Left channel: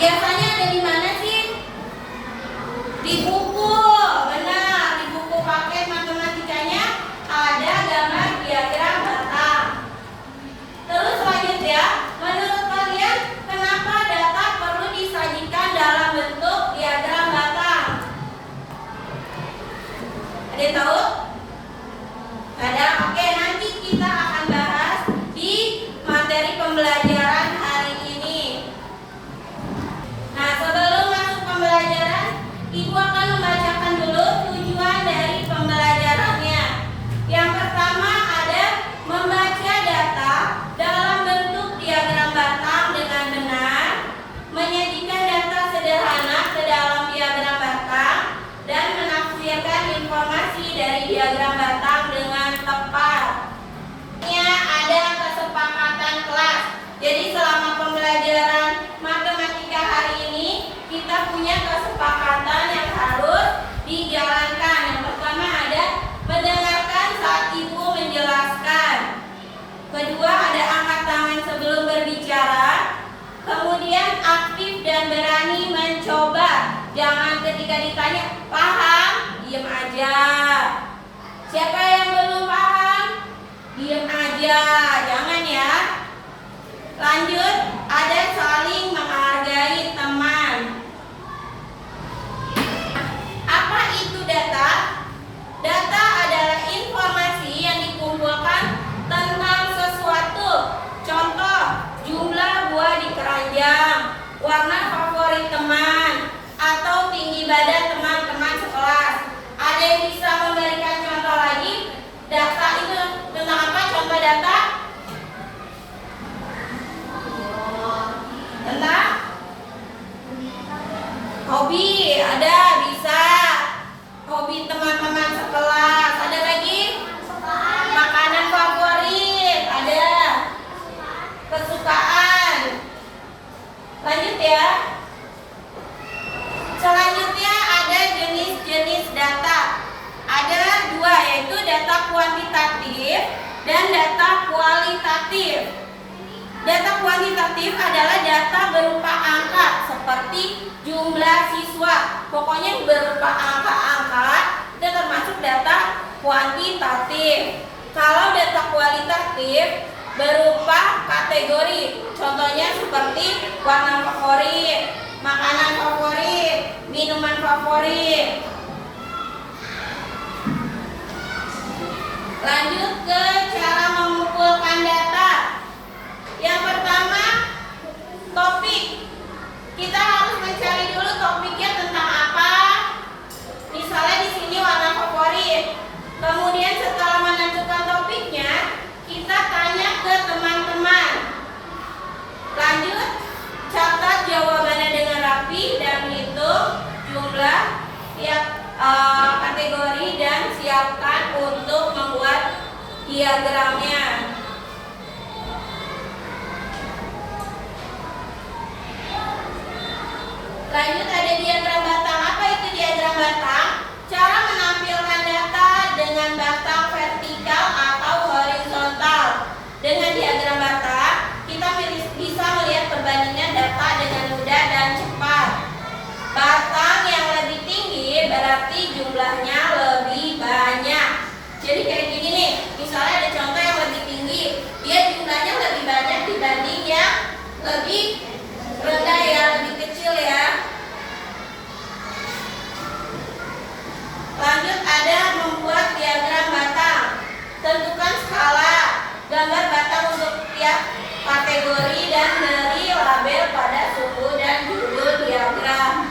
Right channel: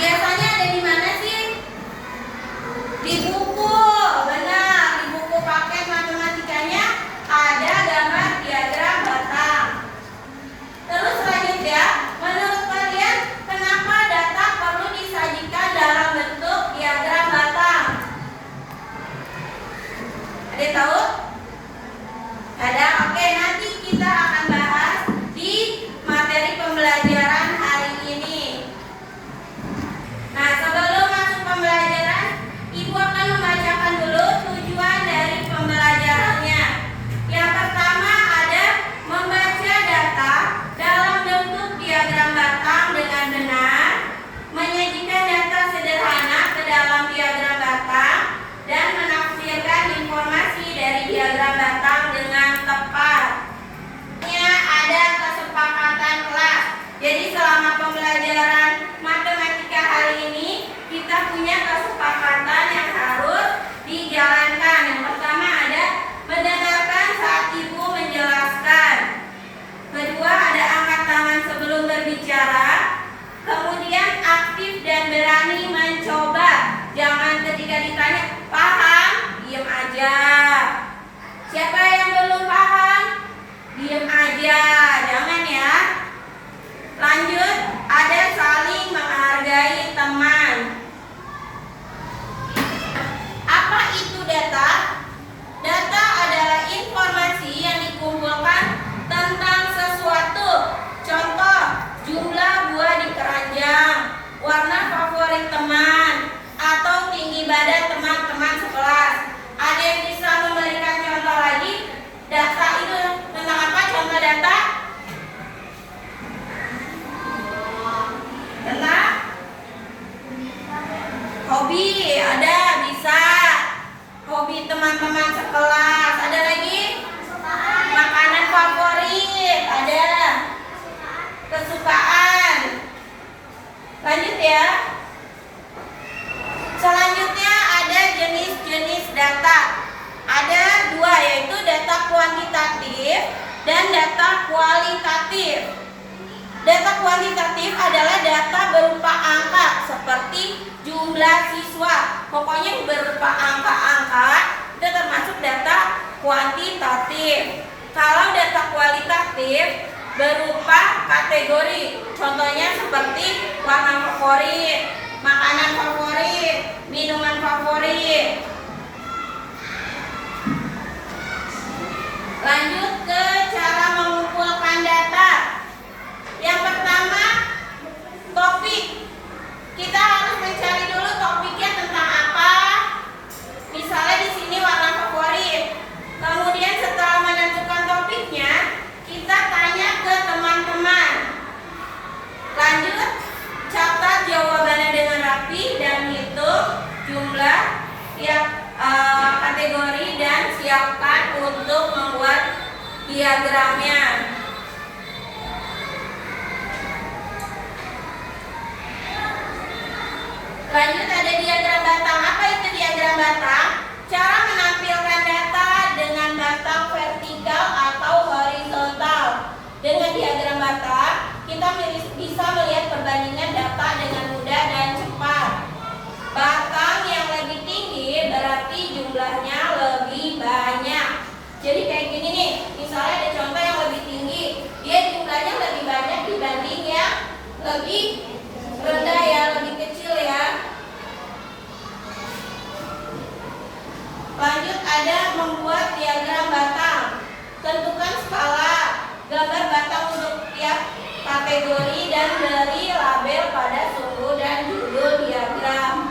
Biasanya ada di mana sih? Di buku, benar. Di buku paket matematikanya ada gambar diagram batang. Terus lanjut ya. Menurut kalian kenapa data perlu disajikan dalam bentuk diagram batang? Ada yang tahu? Ada? Oke, nanti kita akan bahas di materi pembelajaran hari ini. Nah, sebelum masuk pembelajaran, Ibu akan membacakan dulu tujuan dari pembelajarannya. Yang pertama ada membaca data dalam bentuk diagram batang dengan benar, menyajikan data sederhana ke dalam diagram batang, dan menafsirkan informasi dari diagram batang dengan tepat. Ada kesepakatan kelas. Jadi selama pembelajaran matematika hari ini kita punya kesepakatan yang harus dijalankan. Yang pertama ada mendengarkan saat ibu menjelaskan. Kedua ada angkat tangan sebelum berbicara. Kemudian aktif dan berani mencoba. Jangan ketika ditanya paham, diam aja. Siapa yang belum paham? Diam aja, jangan ya. Lanjut, ada saling menghargai teman. Apa itu data? Data adalah informasi yang dikumpulkan tentang sesuatu. Contoh, jumlah buah di keranjang, warna favorit teman, atau tinggi badan teman-teman sekelas. Ada yang bisa memberikan contoh lagi? Data itu tentang apa? Contoh data? Tentang hobi, ada bisa. Hobi teman-teman sekelas. Ada lagi? Makanan favorit, ada. Kesukaan. Lanjut ya. Selanjutnya ada jenis-jenis data. Ada dua, yaitu data kuantitatif dan data kualitatif. Data kuantitatif adalah data berupa angka seperti jumlah siswa. Pokoknya berupa angka-angka itu termasuk data kuantitatif. Kalau data kualitatif berupa kategori. Contohnya seperti warna favorit, makanan favorit, minuman favorit. Lanjut ke cara mengumpulkan data. Yang pertama, topik. Kita harus mencari dulu topiknya tentang apa. Misalnya di sini warna favorit. Kemudian setelah menentukan topiknya, kita tanya ke teman-teman. Lanjut, catat jawabannya dengan rapi dan hitung jumlah kategori dan siapkan untuk membuat diagramnya. Lanjut ada diagram batang. Apa itu diagram batang? Cara menampilkan data dengan batang vertikal atau horizontal. Dengan diagram batang, kita bisa melihat perbandingan data dengan mudah dan cepat. Batang yang lebih tinggi berarti jumlahnya lebih banyak. Jadi kayak gini nih, misalnya ada contoh yang lebih tinggi, dia jumlahnya lebih banyak dibanding yang lebih rendah ya, lebih kecil ya. Lanjut ada membuat diagram batang. Tentukan skala gambar batang untuk tiap kategori dan beri label pada suku dan judul diagram.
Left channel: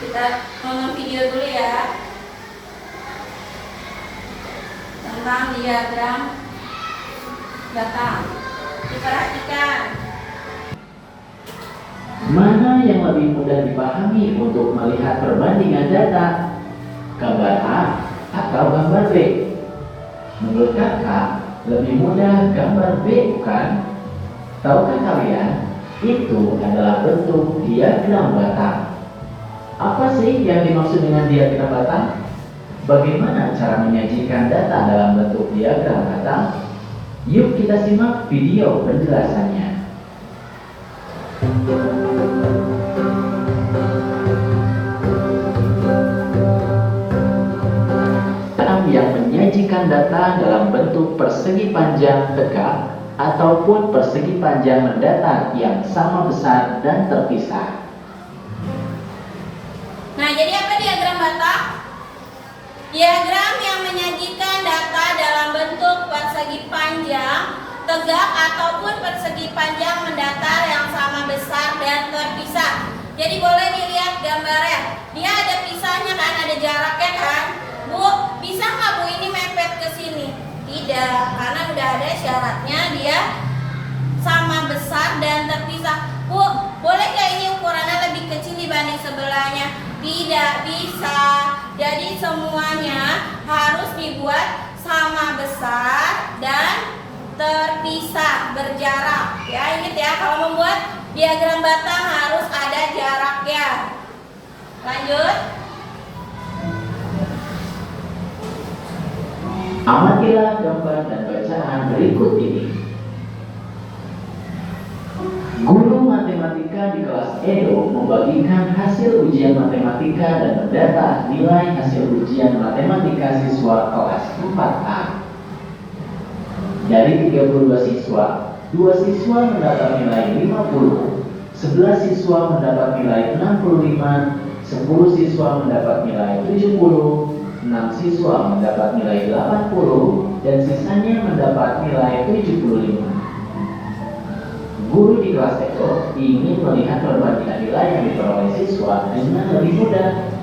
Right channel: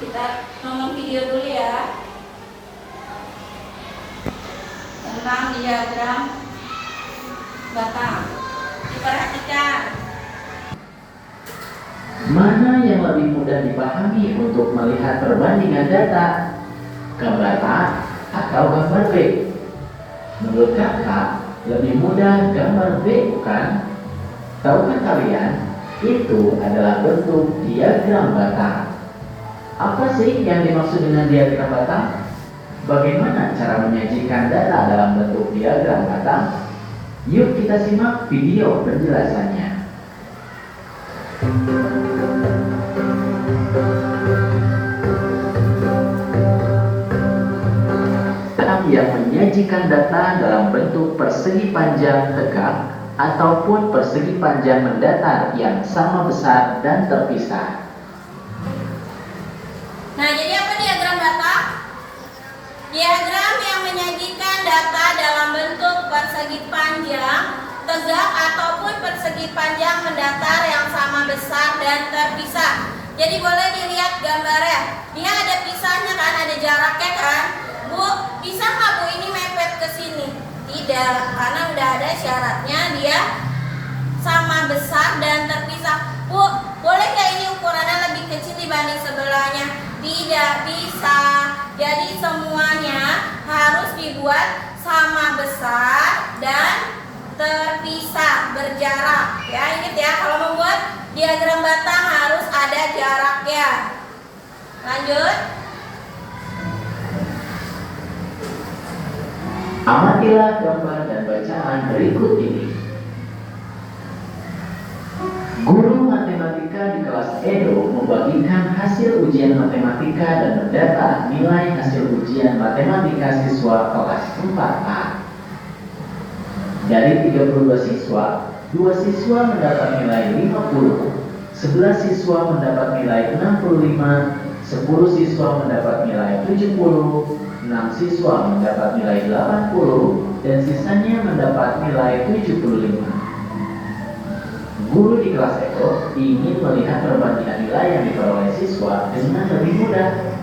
Kita nonton video dulu ya tentang diagram batang. Diperhatikan. Mana yang lebih mudah dipahami untuk melihat perbandingan data? Gambar A atau gambar B? Menurut kakak, lebih mudah gambar B, bukan? Tahukah kalian, itu adalah bentuk diagram batang. Apa sih yang dimaksud dengan diagram batang? Bagaimana cara menyajikan data dalam bentuk diagram batang? Yuk kita simak video penjelasannya. Yang menyajikan data dalam bentuk persegi panjang tegak ataupun persegi panjang mendatar yang sama besar dan terpisah. Nah, jadi apa diagram batang? Diagram yang menyajikan data dalam bentuk persegi panjang tegak ataupun persegi panjang mendatar yang sama besar dan terpisah. Jadi boleh dilihat gambarnya. Dia ada pisahnya kan, ada jaraknya kan? Bu, bisa nggak Bu ini mepet ke sini? Tidak, karena udah ada syaratnya dia sama besar dan terpisah. Bu, boleh nggak ini ukurannya lebih kecil dibanding sebelahnya? Tidak bisa. Jadi semuanya harus dibuat sama besar dan terpisah, berjarak. Ya, ingat ya, kalau membuat diagram batang harus ada jaraknya. Lanjut. Amatilah gambar dan bacaan berikut ini. Guru matematika di kelas Edo membagikan hasil ujian matematika dan mendata nilai hasil ujian matematika siswa kelas 4A. Dari 32 siswa, 2 siswa mendapat nilai 50, 11 siswa mendapat nilai 65, 10 siswa mendapat nilai 70, 6 siswa mendapat nilai 80 dan sisanya mendapat nilai 75. Guru di kelas Eko ingin melihat perbandingan nilai yang diperoleh siswa dengan lebih mudah.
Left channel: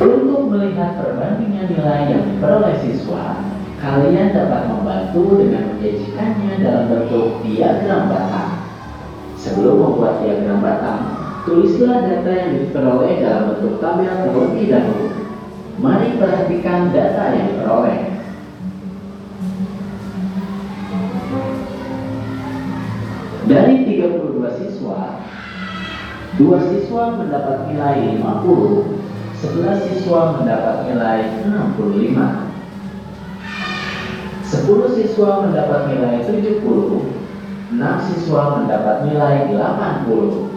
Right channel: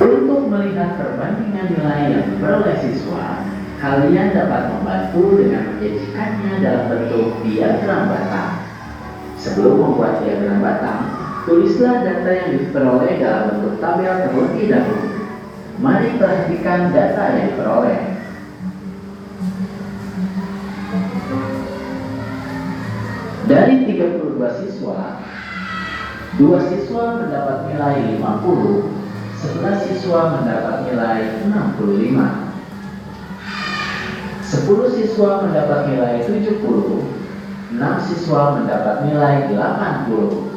Untuk melihat perbandingan nilai yang diperoleh siswa, kalian dapat membantu dengan menyajikannya dalam bentuk diagram batang. Sebelum membuat diagram batang, tulislah data yang diperoleh dalam bentuk tabel terlebih dahulu. Mari perhatikan data yang diperoleh. Dari 32 siswa, 2 siswa mendapat nilai 50, 11 siswa mendapat nilai 65, 10 siswa mendapat nilai 70, 6 siswa mendapat nilai 80,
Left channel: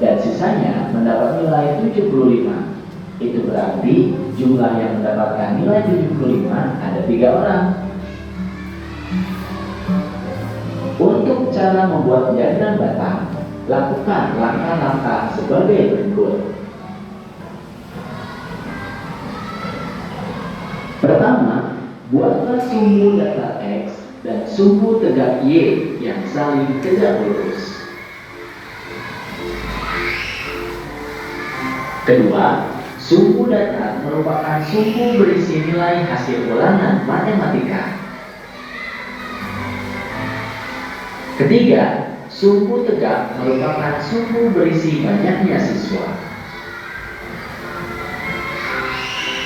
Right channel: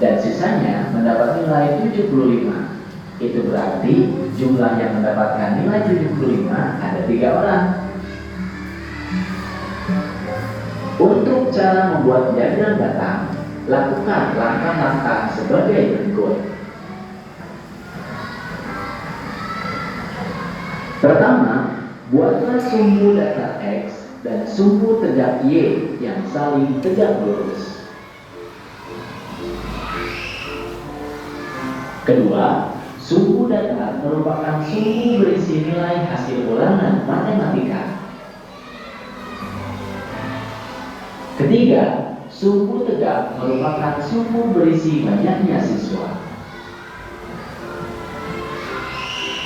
dan sisanya mendapat nilai 75. Itu berarti jumlah yang mendapatkan nilai 75 ada 3 orang. Untuk cara membuat diagram batang, lakukan langkah-langkah sebagai berikut. Pertama, buatlah sumbu data X dan sumbu tegak Y yang saling tegak lurus. Kedua, sumbu data merupakan sumbu berisi nilai hasil ulangan matematika. Ketiga, sumbu tegak merupakan sumbu berisi banyaknya siswa.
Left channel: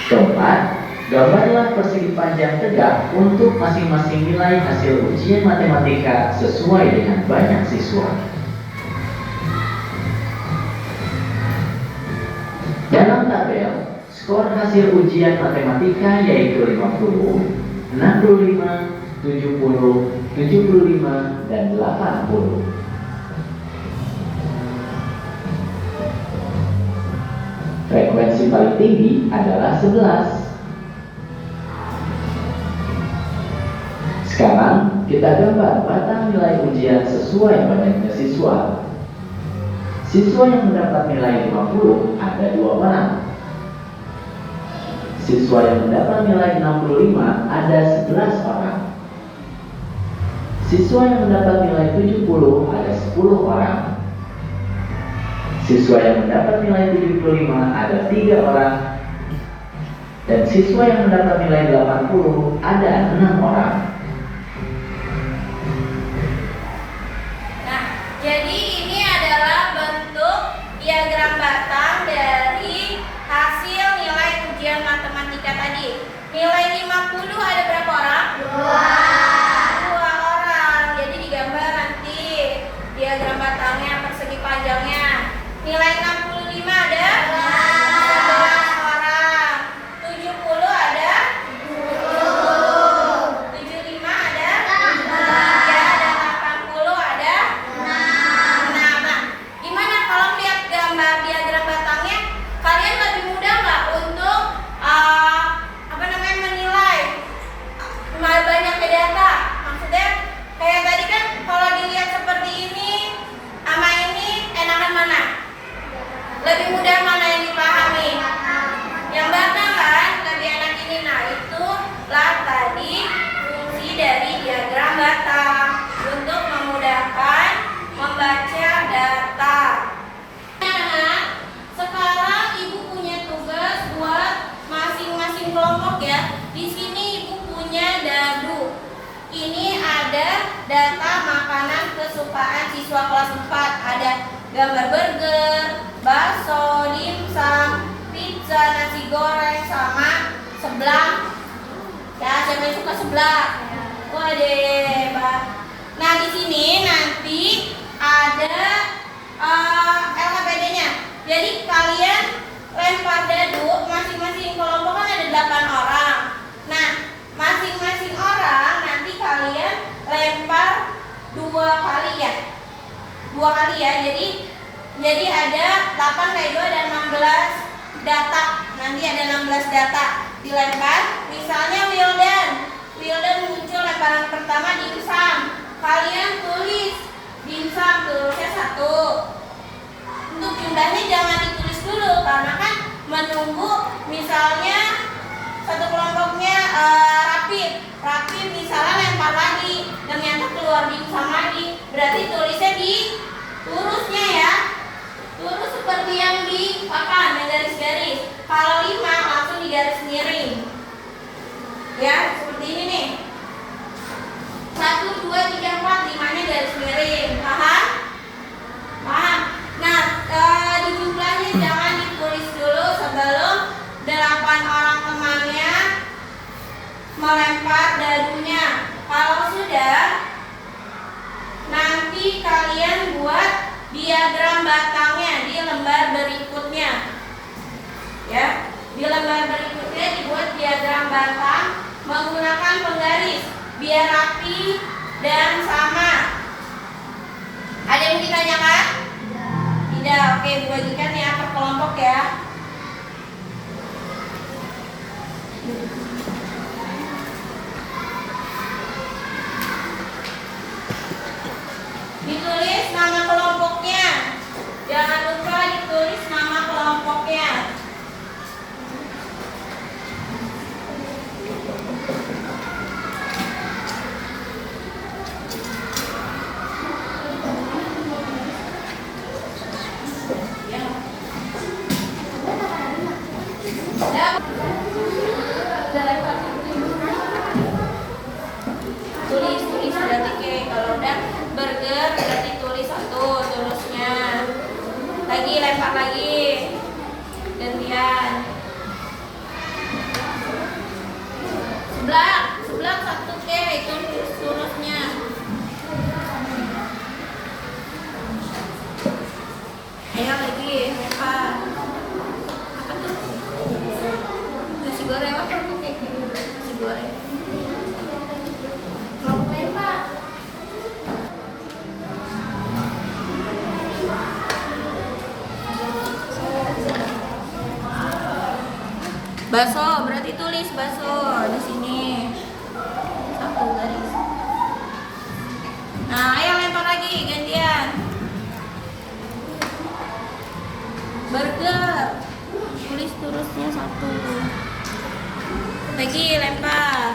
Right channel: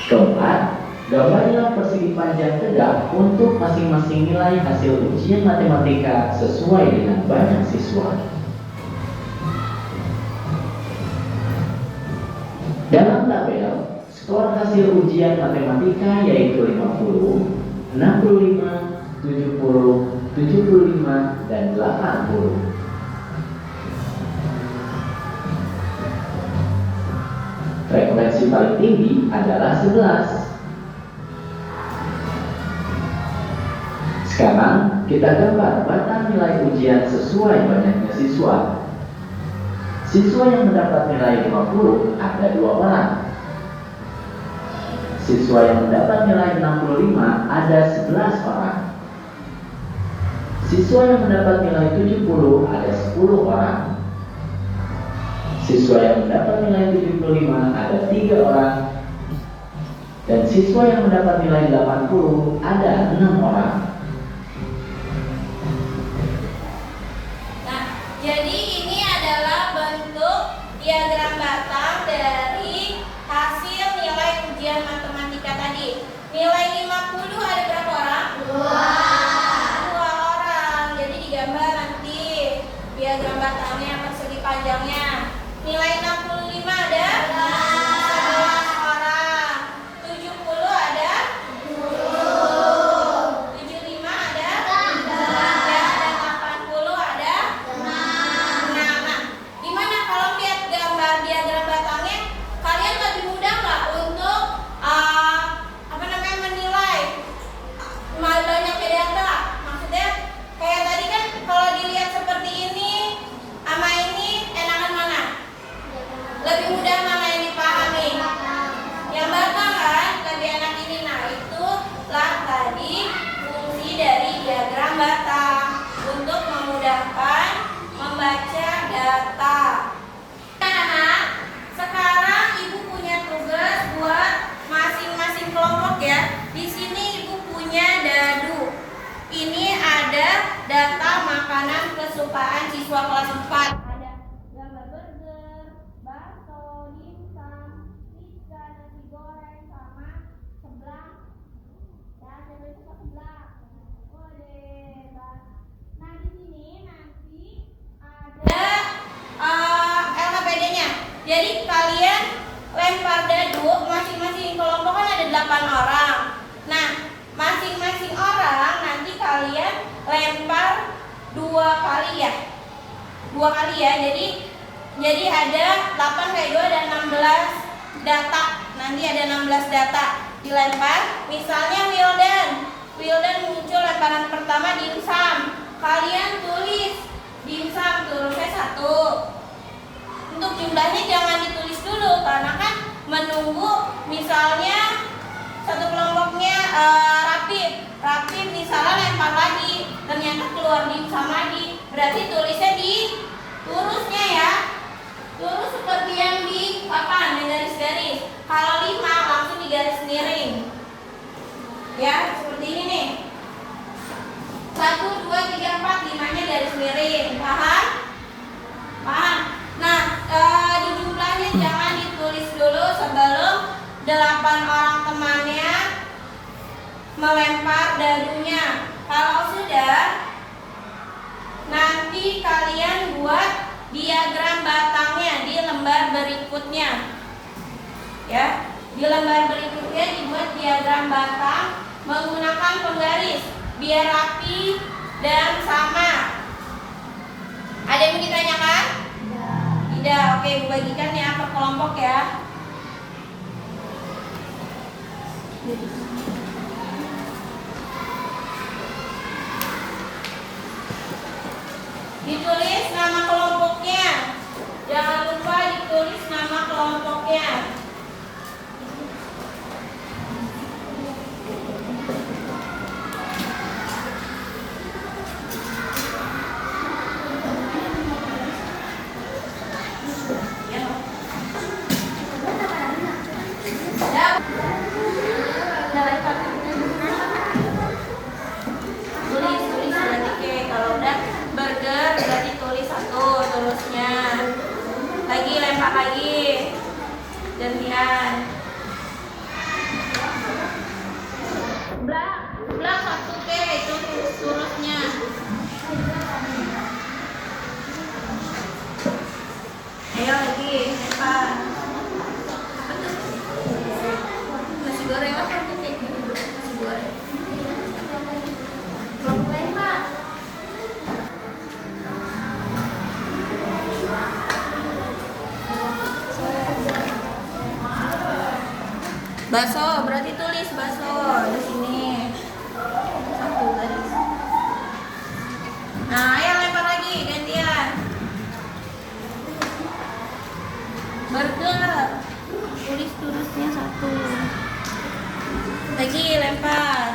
Keempat, gambarlah persegi panjang tegak untuk masing-masing nilai hasil ujian matematika sesuai dengan banyak siswa. Dalam tabel, skor hasil ujian matematika yaitu 50, 65, 70, 75, dan 80. Frekuensi paling tinggi adalah 11. Sekarang kita gambar batang nilai ujian sesuai banyaknya siswa. Siswa yang mendapat nilai 50 ada 2 orang. Siswa yang mendapat nilai 65 ada 11 orang. Siswa yang mendapat nilai 70 ada 10 orang. Siswa yang mendapat nilai 75 ada 3 orang. Dan siswa yang mendapat nilai 80 ada 6 orang. Nah, jadi ini adalah bentuk diagram batang dari hasil nilai ujian matematika tadi. Nilai 50 ada berapa orang? 2 orang. Jadi digambar nanti diagram batangnya, persegi panjangnya. Nilai data makanan kesukaan siswa kelas 4. Ada gambar burger, bakso, dimsum, pizza, nasi goreng, sama seblak. Ya, siapa yang suka seblak? Waduh, Pak. Nah, di sini nanti ada LKPD-nya. Jadi kalian lempar dadu, masing-masing kelompok kan ada 8 orang. Nah, masing-masing orang nanti kalian lempar 2 kali ya. 2 kali ya. Jadi ada 8 kali 2 dan 16 data. Nanti ada 16 data dilempar. Misalnya Wildan muncul lemparan pertama dimsum. Kalian tulis dimsum, tulisnya 1. Untuk jumlahnya jangan ditulis dulu karena kan menunggu misalnya satu kelompoknya Rapid misalnya lempar lagi, ternyata keluar dimsum lagi, berarti tulisnya di lurusnya ya, lurus seperti yang di papan yang garis-garis. Kalau 5 langsung di garis miring ya, seperti ini nih, 1, 2, 3, 4, 5-nya garis miring. Paham? Nah, di jumlahnya jangan ditulis dulu sebelum 8 orang temannya melempar dadunya. Kalau sudah, nanti kalian buat diagram batangnya di lembar berikutnya. Ya, di lembar berikutnya dibuat diagram batang menggunakan penggaris biar rapi dan sama. Ada yang ditanyakan? Tidak. Oke, bagikan ya per kelompok ya. Ditulis nama kelompoknya. Jangan lupa ditulis nama kelompoknya. Tulis berarti kayak kalau udah burger berarti tulis 1 terusnya. Lagi lempar lagi. Gantian. Seblak 1 kayak tulis terusnya. Ayo lagi lempar. Apa tuh? Nasi goreng apa tuh kayak nasi goreng. Bakso, berarti tulis bakso di sini. 1 tadi. Nah, ayo lempar lagi gantian. Burger. Tulis terusnya 1. Lagi lempar.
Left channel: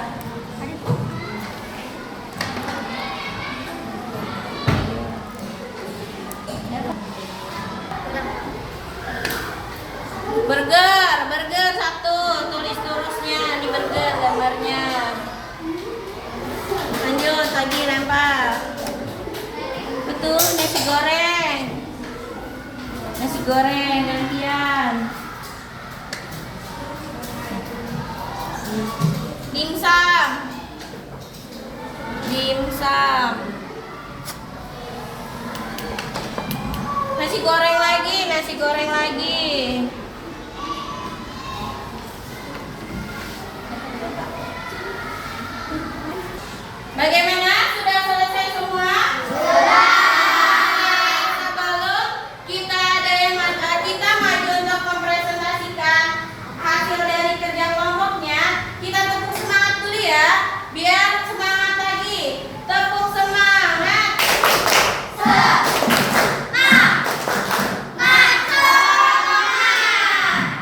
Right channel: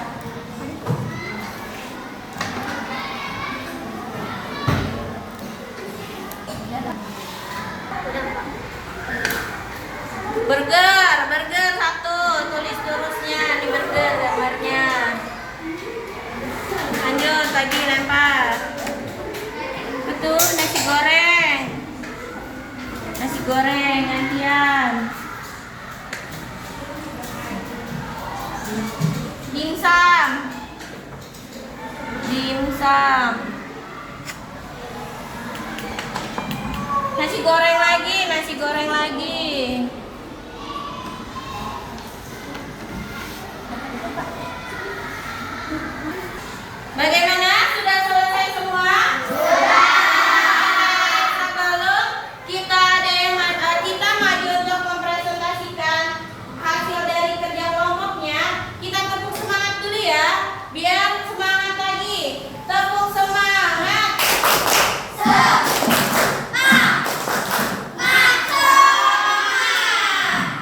Burger 1, tulis terusnya di burger gambarnya. Lanjut lagi lempar. Betul, nasi goreng gantian. Dimsum. Nasi goreng lagi. Bagaimana? Sudah selesai semua? Sudah. Sebelum kita maju untuk mempresentasikan hasil dari kerja kelompoknya, kita tepuk semangat dulu ya, biar semangat lagi. Tepuk semangat.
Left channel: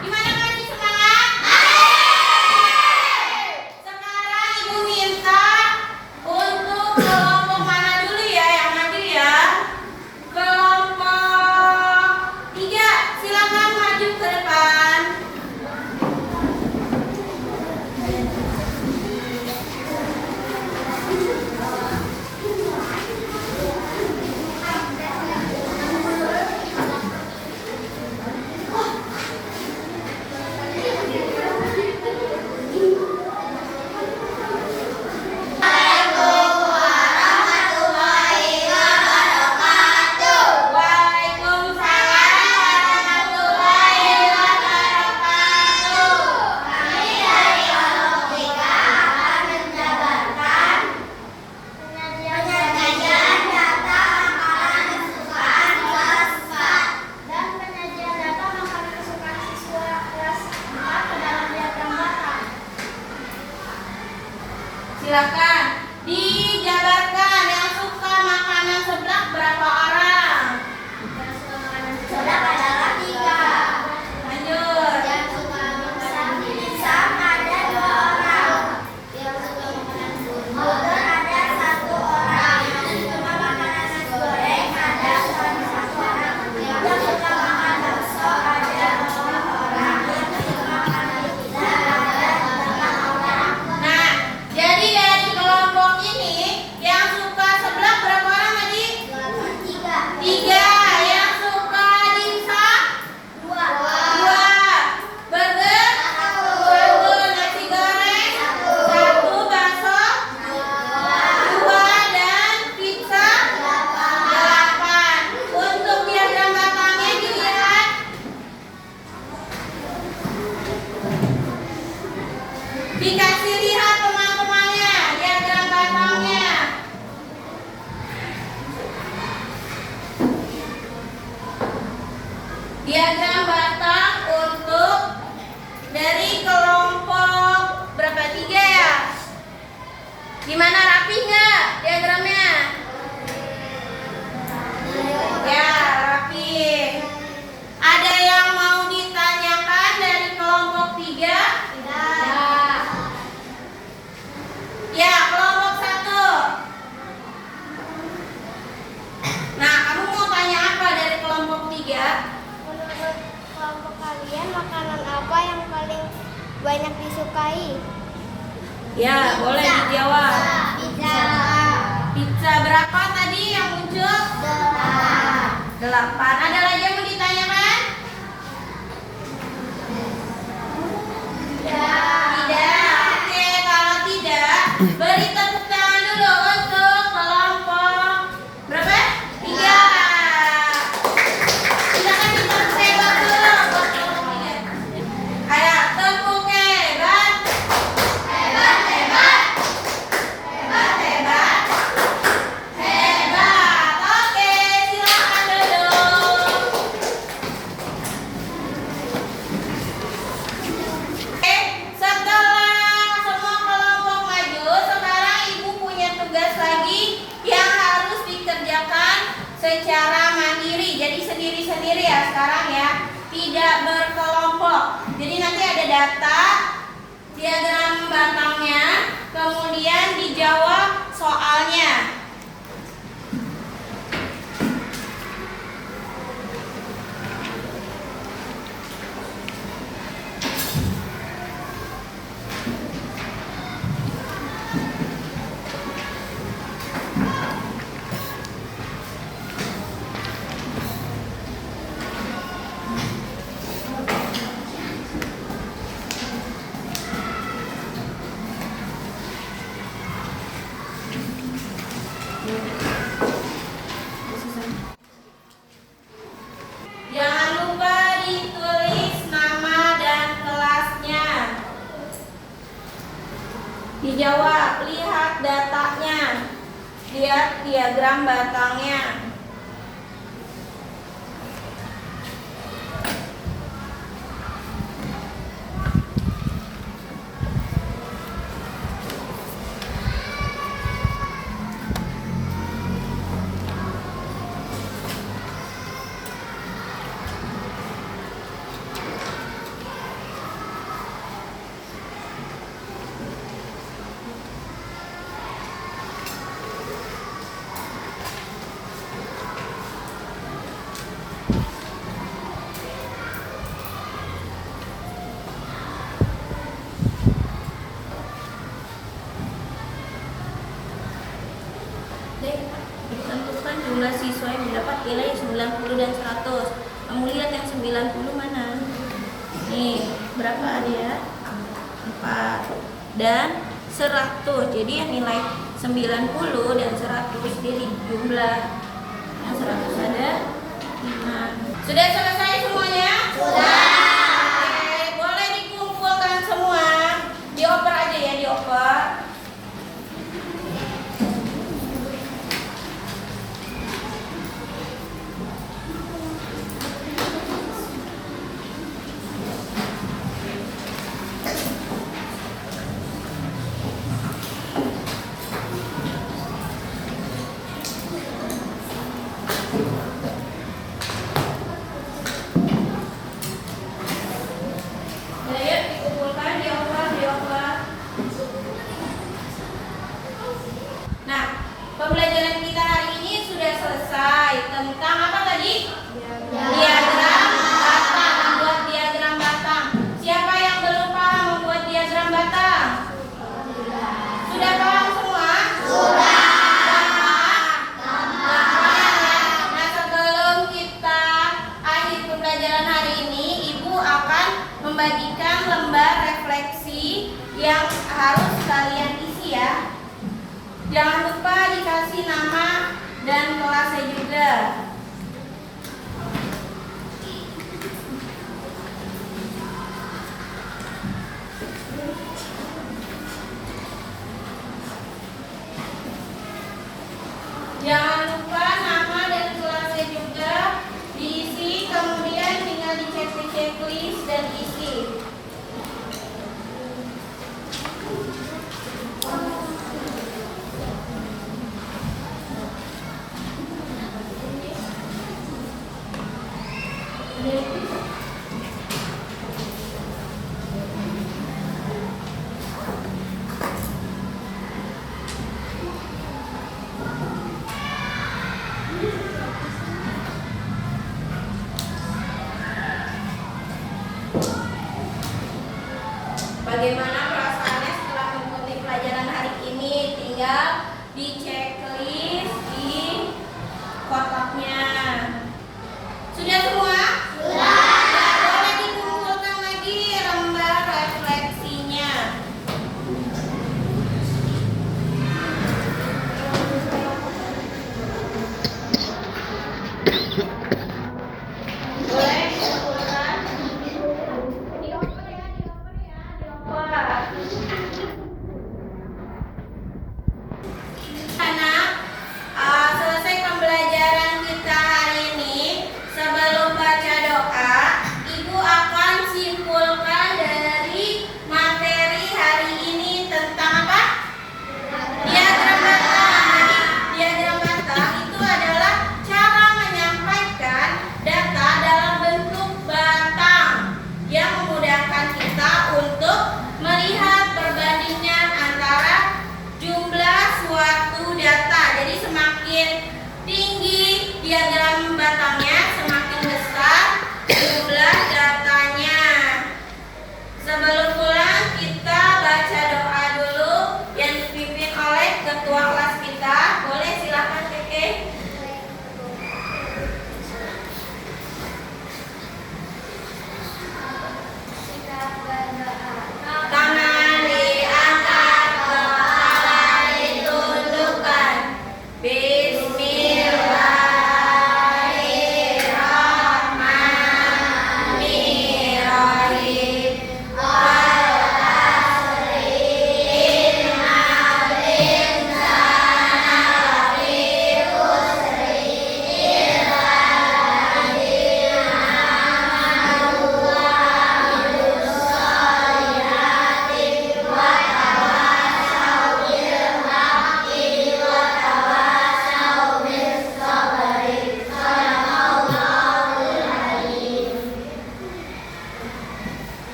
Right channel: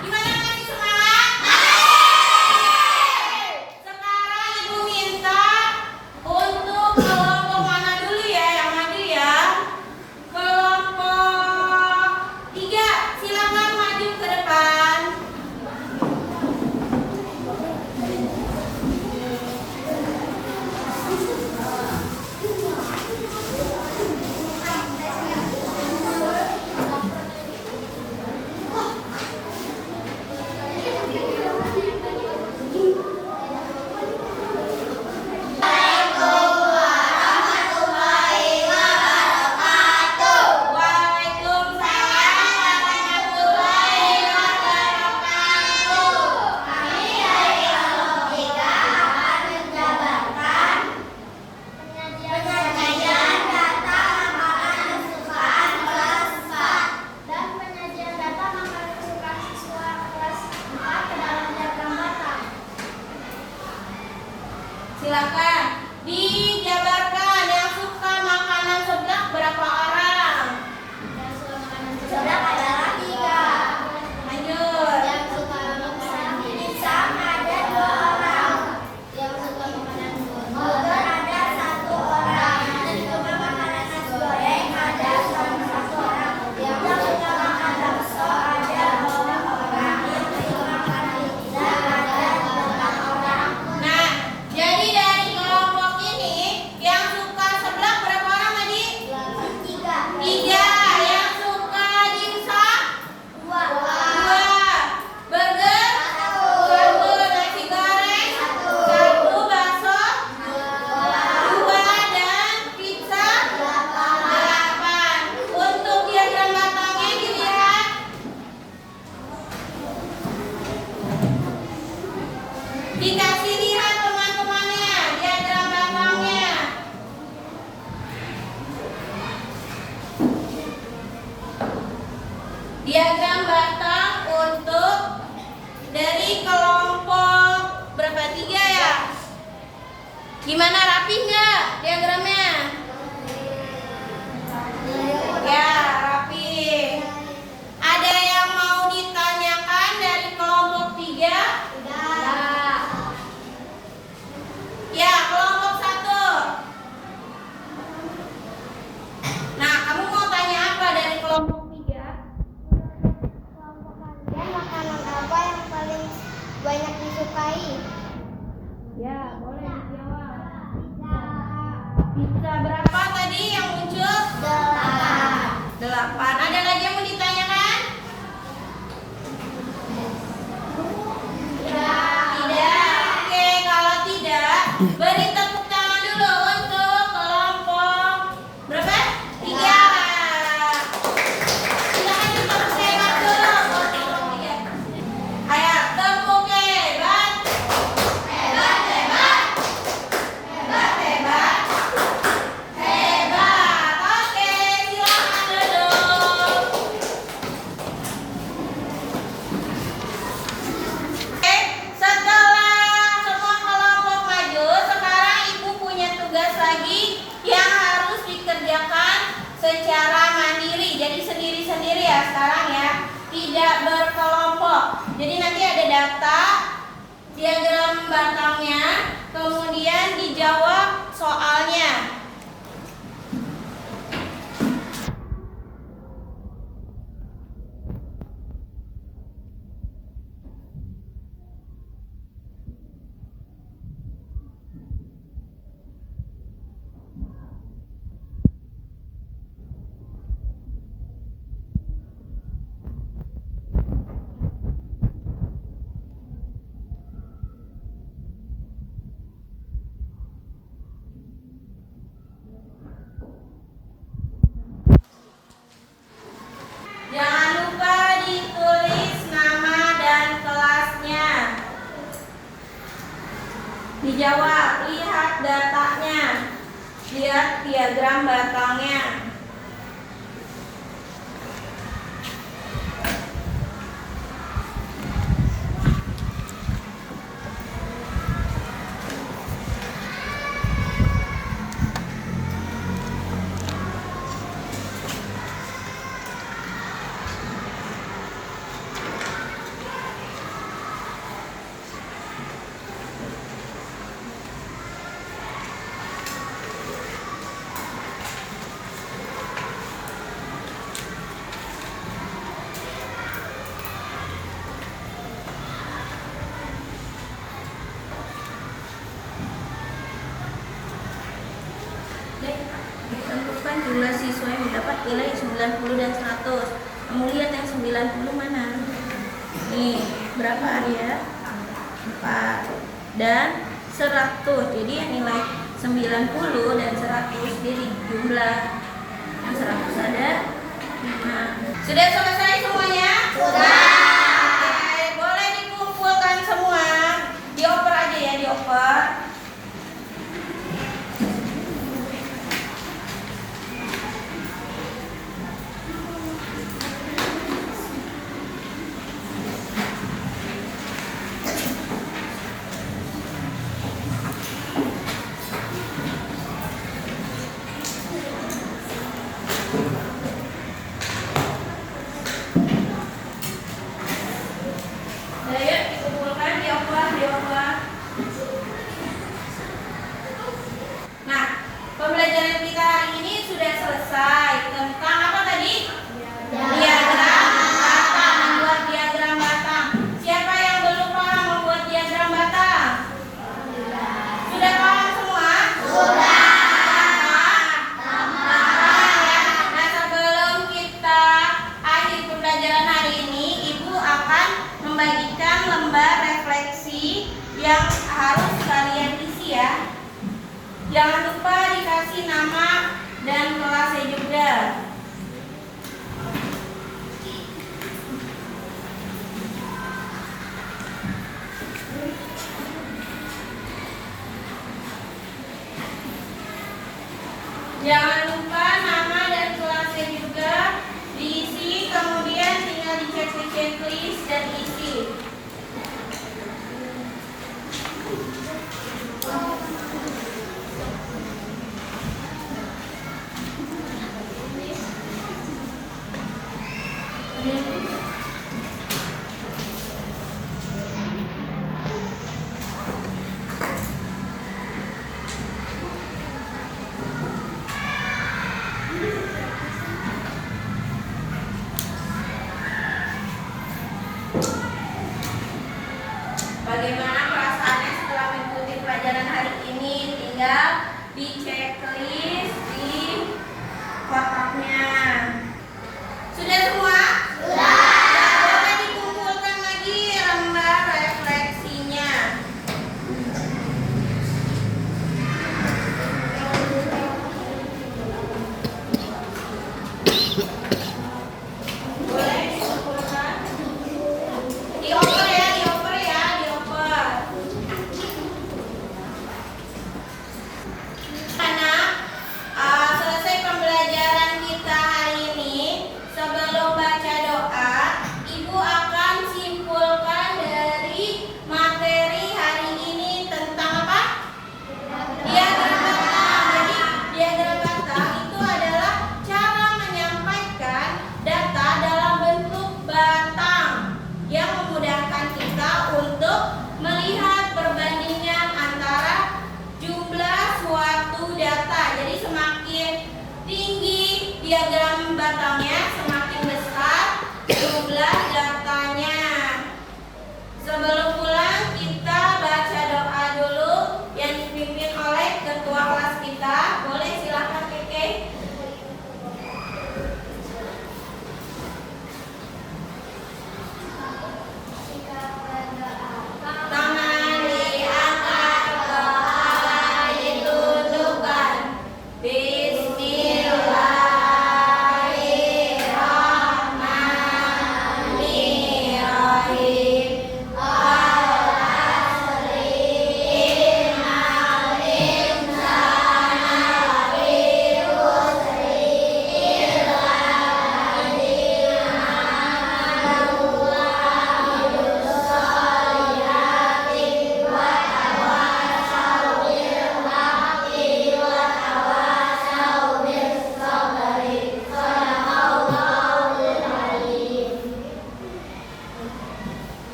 Gimana, masih semangat? Sekarang Ibu minta untuk diagram batang untuk dari kelompok berapa? 3 ya? Gimana, rapi nggak diagramnya? Ya, rapi. Ada yang mau ditanyakan dari kelompok 3? Ya, kelompok 1. Nah, kamu mau tanya apa dari kelompok 3? Menurut kelompok kalian, makanan apa yang paling banyak disukai? Ya, boleh dijawab. Pizza. Pizza berapa tadi yang muncul? 8. Ada lagi yang mau ditanyakan? Tidak. Oke, kalau tidak, beri tepuk tangan dulu untuk kelompok berapa? 3. Kita kasih tepuk hebat dulu buat kelompok 3. Ada tepuknya hebat. Hebat, hebat. Hebat, hebat. Hebat. Oke, silakan duduk. Oke, setelah semua kelompok maju, sekarang ibu punya tugas lagi yang harus dikerjakan secara mandiri. Jadi sendiri-sendiri ya sekarang ya, tidak berkelompok. Jadi nanti ada data, diagram batangnya, kemudian dijawab soalnya. Jangan lupa ditulis nama dan kelasnya. Dijawab, lihat datanya. Lihat diagram batangnya. Tentukan jumlah siswa yang mendapat nilai 90 dan 100. Kamu lihat yang 90 mana? Nih, berapa dia? 4 dan 100. Jadi yang nilai 90 dan 100 jadi jumlah. Yang 100 ada 5. Sudah selesai semuanya? Sudah. Oke, boleh dikumpulkan semua. Dioper aja ya, dioper. Ayo dikumpulkan, dioper, dioper. Nah, pembelajaran kita hari ini sudah selesai tentang apa tadi? Diagram batang, membuat diagram batang. Siapa yang belum paham membuat diagram batang? Sudah paham semua? Sudah. Nah, sebelum kita akhir pembelajaran hari ini, Ibu akan membagikan lembar refleksi yang harus kalian isi ya. Jangan lupa dikasih nama dan kelasnya juga. Jangan lupa nama dan kelasnya juga diisi, kemudian tinggal checklist dan isi. Ada